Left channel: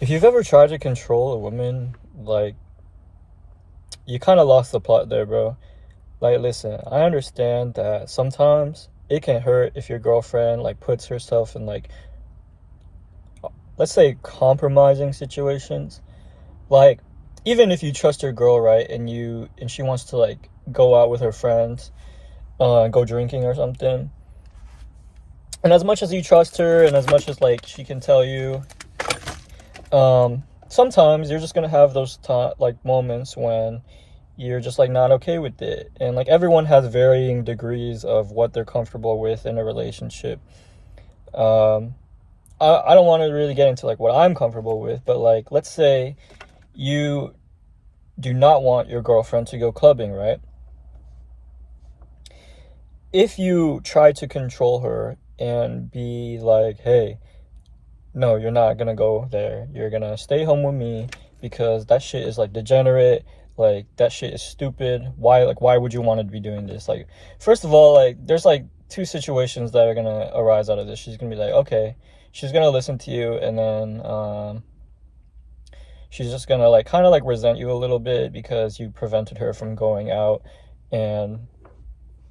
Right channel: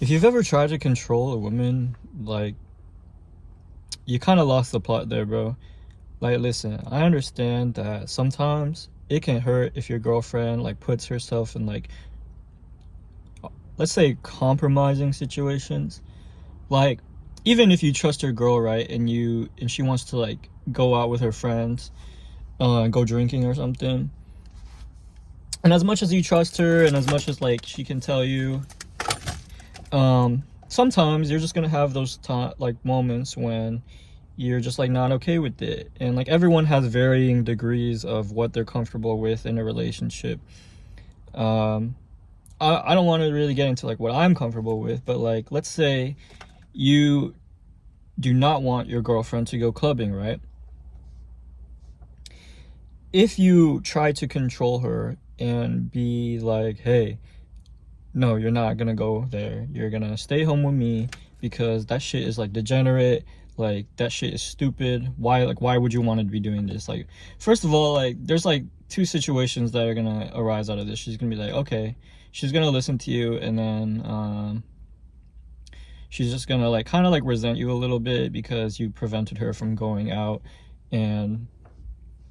If you've ever tried to control a woman, like, you kind of lost the plot there, bro. Like, listen, I understand that sometimes it can hurt if your girlfriend, like, puts herself in, like, let's say compromising situations. Like, even if you trust your girl, right, and she wants to, like, go out with her friends, go drinking or something. And as much as you trust her and as much as, like, she can tell you, sometimes you're just gonna have those like moments when you're just like not okay with it. And like everyone has varying degrees of what they're comfortable with in a relationship. um I don't want to really get into like what I'm comfortable with, but like, let's say you do not want your girlfriend to go clubbing, right? If you try to control her and be like, hey, no, you're not gonna go there, you're gonna stay home with me, because that shit is like degenerate, like that shit is stupid, why would you want to be doing this? Like, first of all, like, there's like two situations that are gonna arise out of this. She's gonna be like, okay, she's gonna listen to you, and then she's just gonna like kind of like resent you a little bit because you prevented her from going out. And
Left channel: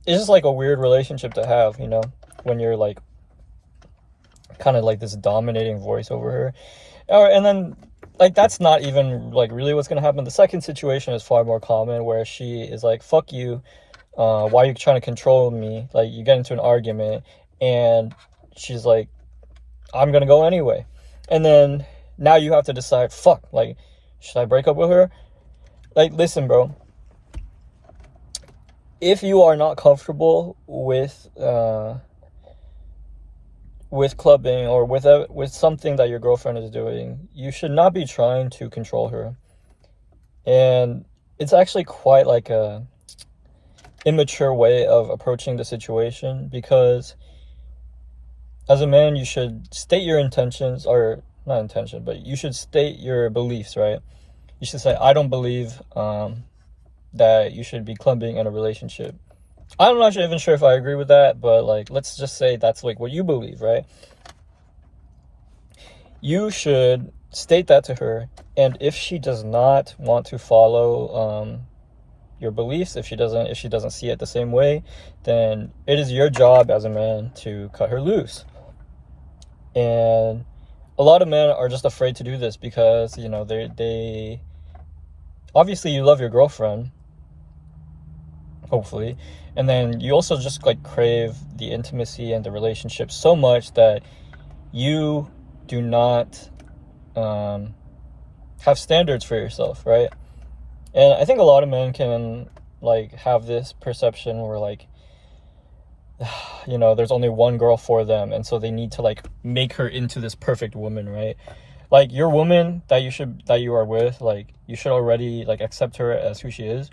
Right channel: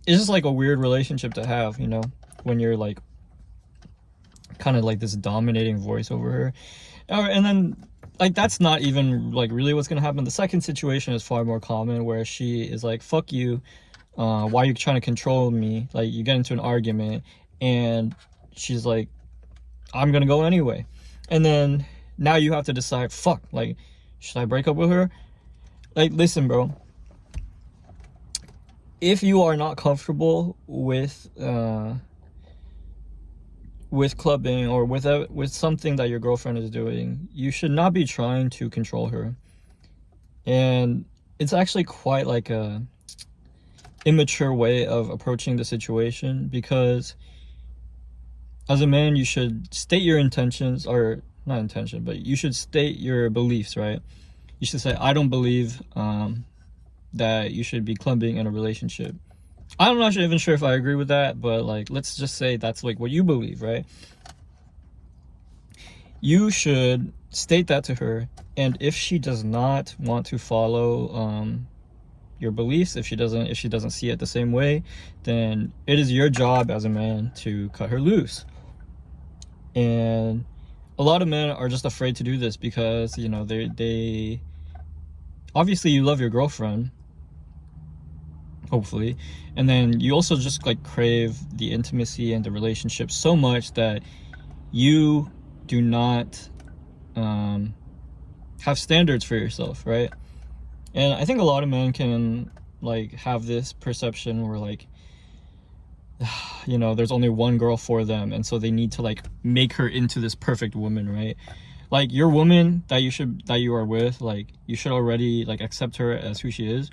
it's just like a weird relationship to have, when you're like kind of like this dominating voice over her. And then, like, that's not even like really what's gonna happen. The second situation is far more common, where she is like, fuck you, why are you trying to control me? Like, you get into an argument and she's like, I'm gonna go anyway. And then now you have to decide, fuck, like, should I break up with her? Like, listen, bro, if you are not comfortable with clubbing or with something that your girlfriend is doing, you should not be trying to control her. And it's actually quite like a immature way of approaching the situation, because as a man you should state your intentions, or not intention, but you should state your beliefs, right? You should say, I don't believe that you should be clubbing in a relationship. I'm not even sure if I agree with that, but like, let's just say that's like what you believe, right? You should state that to her, and if she does not want to follow your beliefs, if she doesn't see it the same way, then it is your job as a man to cut her loose. And a lot of men are just afraid to do this because they obviously, you love your girlfriend, hopefully, and then you also just like crave the intimacy and the relationship so much that you do not have standards for yourself, right? And I think a lot of men can like have this perception where like, there's only one girl for them, and so they need to like make her into this perfect woman, right? Like, your woman that you are with, like, you should already like accept her as who she is,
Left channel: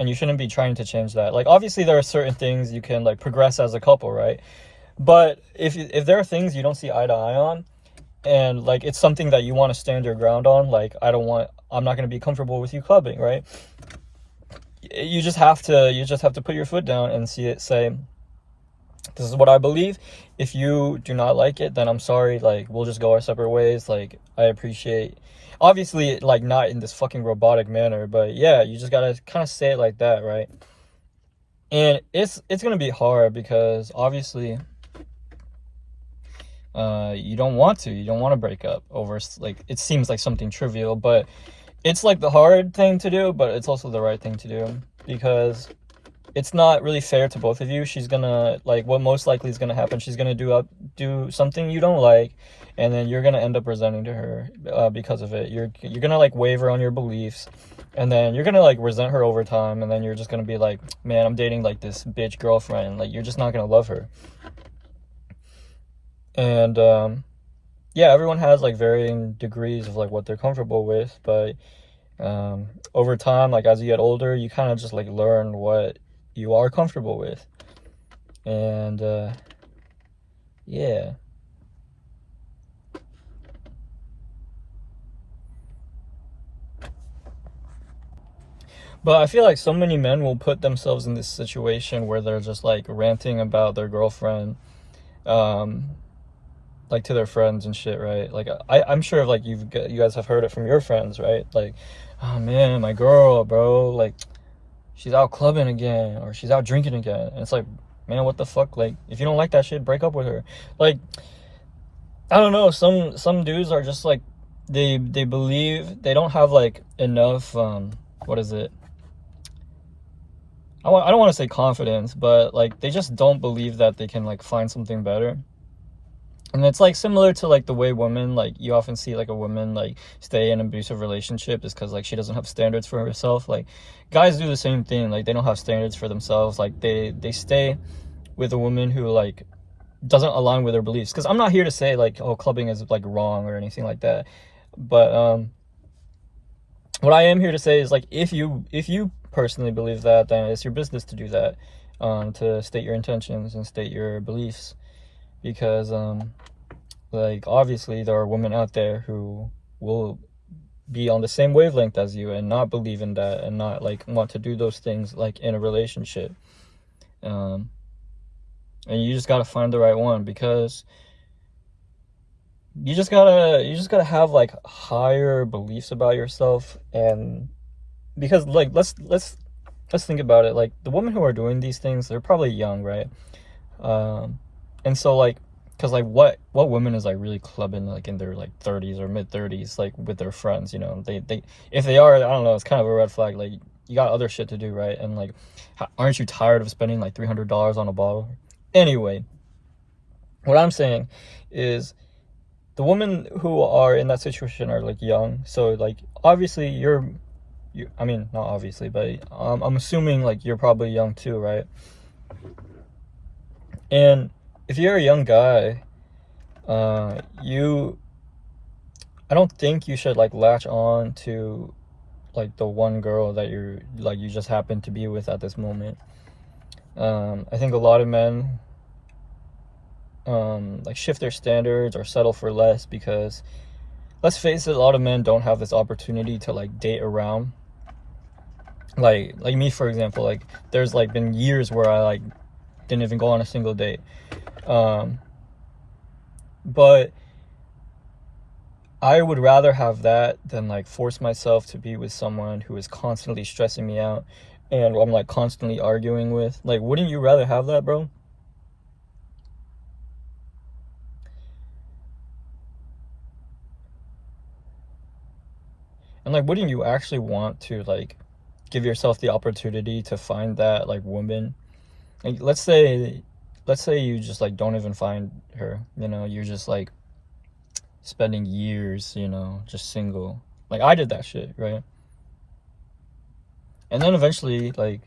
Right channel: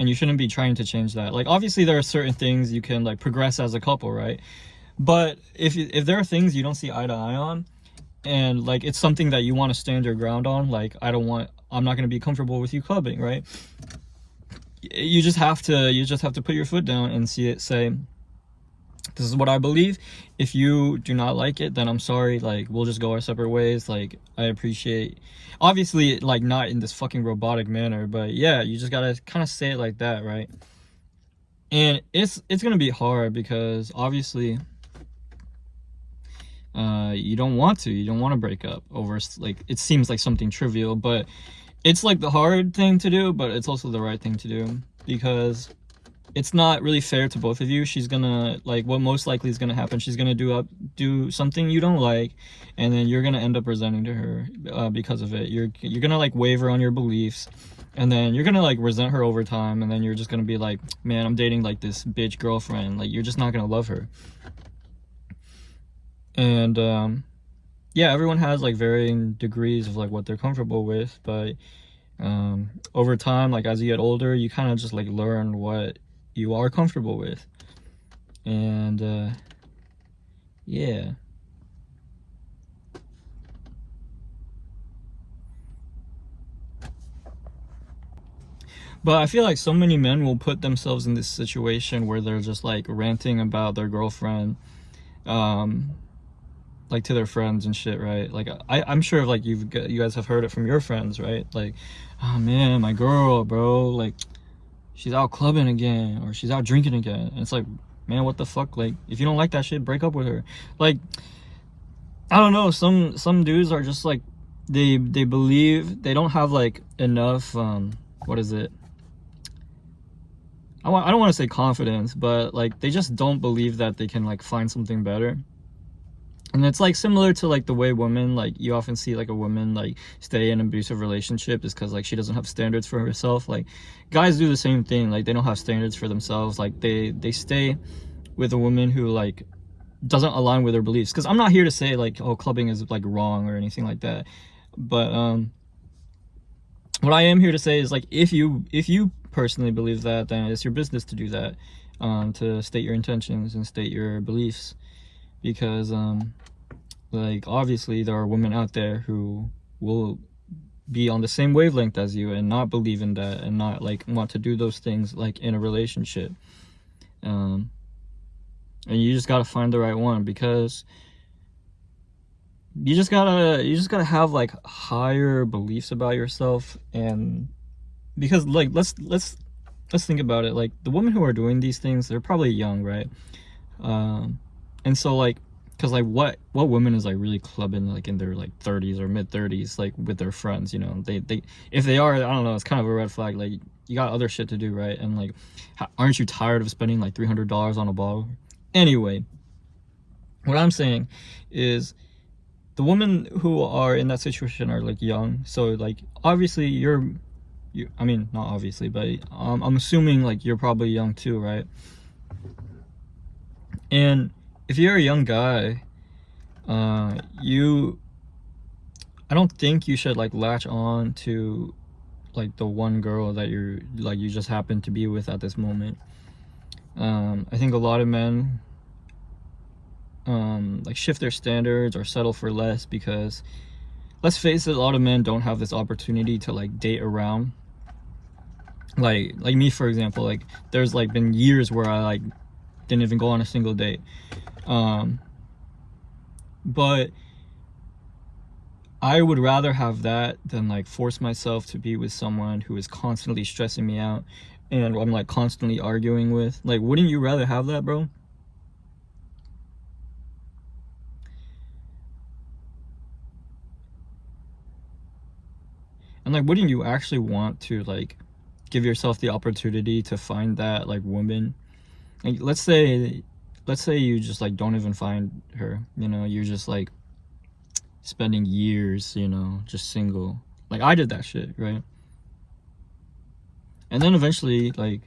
and you shouldn't be trying to change that. Like, obviously there are certain things you can like progress as a couple, right? But if there are things you don't see eye to eye on, and like it's something that you want to stand your ground on, like, I'm not going to be comfortable with you clubbing, right? You just have to put your foot down and say, this is what I believe. If you do not like it, then I'm sorry, like, we'll just go our separate ways. Like, I appreciate, obviously, like, not in this fucking robotic manner, but yeah, you just gotta kind of say it like that, right? And it's gonna be hard because obviously you don't want to break up over, like, it seems like something trivial, but it's like the hard thing to do, but it's also the right thing to do, because it's not really fair to both of you. She's gonna, like, what most likely is gonna happen, she's gonna do something you don't like, and then you're gonna end up resenting to her because of it. You're gonna like waver on your beliefs, and then you're gonna like resent her over time, and then you're just gonna be like, man, I'm dating like this bitch girlfriend. Like, you're just not gonna love her. And yeah, everyone has like varying degrees of like what they're comfortable with, but over time, like, as you get older, you kind of just like learn what you are comfortable with. And yeah. But I feel like so many men will put themselves in this situation where they're just like ranting about their girlfriend, like to their friends and shit, right? Like I'm sure like you guys have heard it from your friends, right? Like, oh man, my girl, bro, like she's out clubbing again or she's out drinking again. And it's like, man, what the fuck? Like, if you don't like that shit, break up with her. Like, I don't know, some dudes are just like, they believe they don't have like enough what is it, I don't want to say confidence, but like they just don't believe that they can like find something better. And it's like similar to like the way women, like you often see like a woman like stay in an abusive relationship is because like she doesn't have standards for herself. Like guys do the same thing. Like they don't have standards for themselves. Like they stay with a woman who like doesn't align with their beliefs. Because I'm not here to say like, oh, clubbing is like wrong or anything like that. But what I am here to say is like if you personally believe that, then it's your business to do that, to state your intentions and state your beliefs. Because like obviously there are women out there who will be on the same wavelength as you and not believe in that and not like want to do those things like in a relationship. And you just gotta find the right one, because you just gotta have like higher beliefs about yourself. And because like let's think about it. Like the women who are doing these things, they're probably young, right? And so like, because like what women is like really clubbing like in their like 30s or mid 30s like with their friends, you know? They if they are, I don't know, it's kind of a red flag. Like you got other shit to do, right? And like, aren't you tired of spending like $300 on a bottle? Anyway, what I'm saying is the women who are in that situation are like young. So like obviously I mean, not obviously, but I'm assuming like you're probably young too, right? And if you're a young guy, I don't think you should like latch on to like the one girl that you just happen to be with at this moment. I think a lot of men like shift their standards or settle for less because, let's face it, a lot of men don't have this opportunity to like date around. Like me, for example, like there's like been years where I like didn't even go on a single date. But I would rather have that than like force myself to be with someone who is constantly stressing me out and I'm like constantly arguing with. Like, wouldn't you rather have that, bro? And like, wouldn't you actually want to like give yourself the opportunity to find that like woman? Like, let's say you just like don't even find her, you know, you're just like spending years, you know, just single. Like I did that shit, right? And then eventually, like,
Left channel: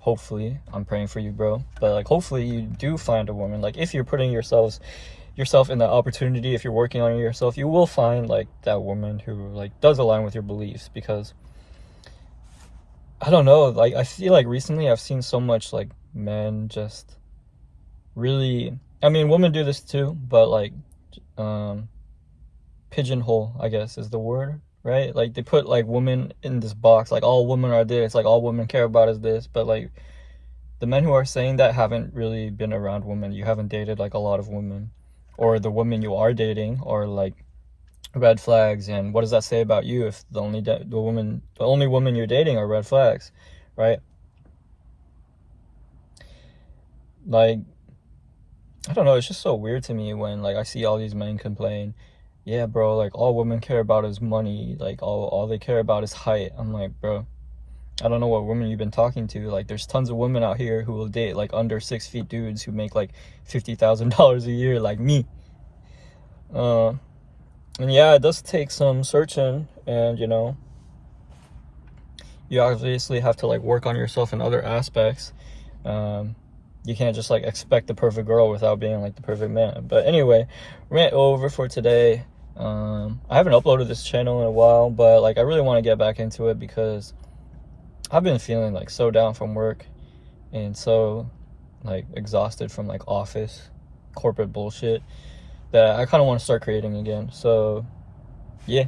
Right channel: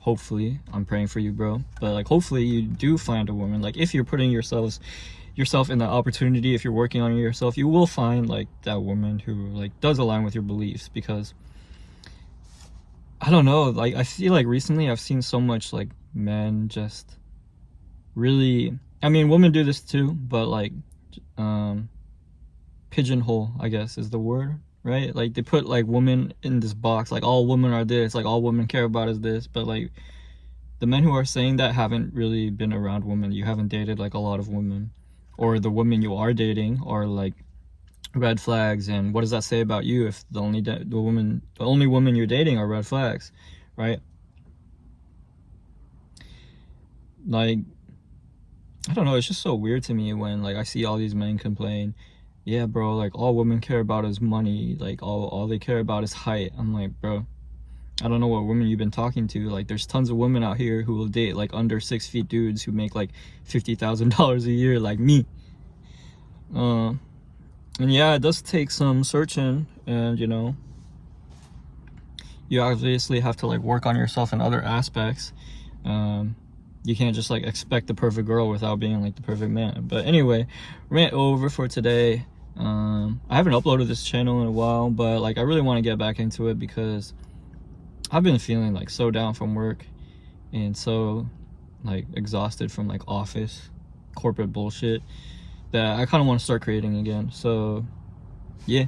hopefully, I'm praying for you, bro, but like hopefully you do find a woman. Like if you're putting yourself in the opportunity, if you're working on yourself, you will find like that woman who like does align with your beliefs. Because I don't know, like I feel like recently I've seen so much like men just really, I mean women do this too, but like pigeonhole, I guess is the word, right? Like they put like women in this box, like all women are this, like all women care about is this. But like the men who are saying that haven't really been around women. You haven't dated like a lot of women, or the women you are dating are like red flags. And what does that say about you if the only woman you're dating are red flags, right? Like I don't know, it's just so weird to me when like I see all these men complain, yeah bro, like all women care about is money, like all they care about is height. I'm like, bro, I don't know what women you've been talking to. Like there's tons of women out here who will date like under 6 feet dudes who make like $50,000 a year, like me. And yeah, it does take some searching, and you know, you obviously have to like work on yourself in other aspects. You can't just like expect the perfect girl without being like the perfect man. But anyway, rant over for today. I haven't uploaded this channel in a while, but like I really want to get back into it because I've been feeling like so down from work and so like exhausted from like office corporate bullshit that I kind of want to start creating again. So yeah.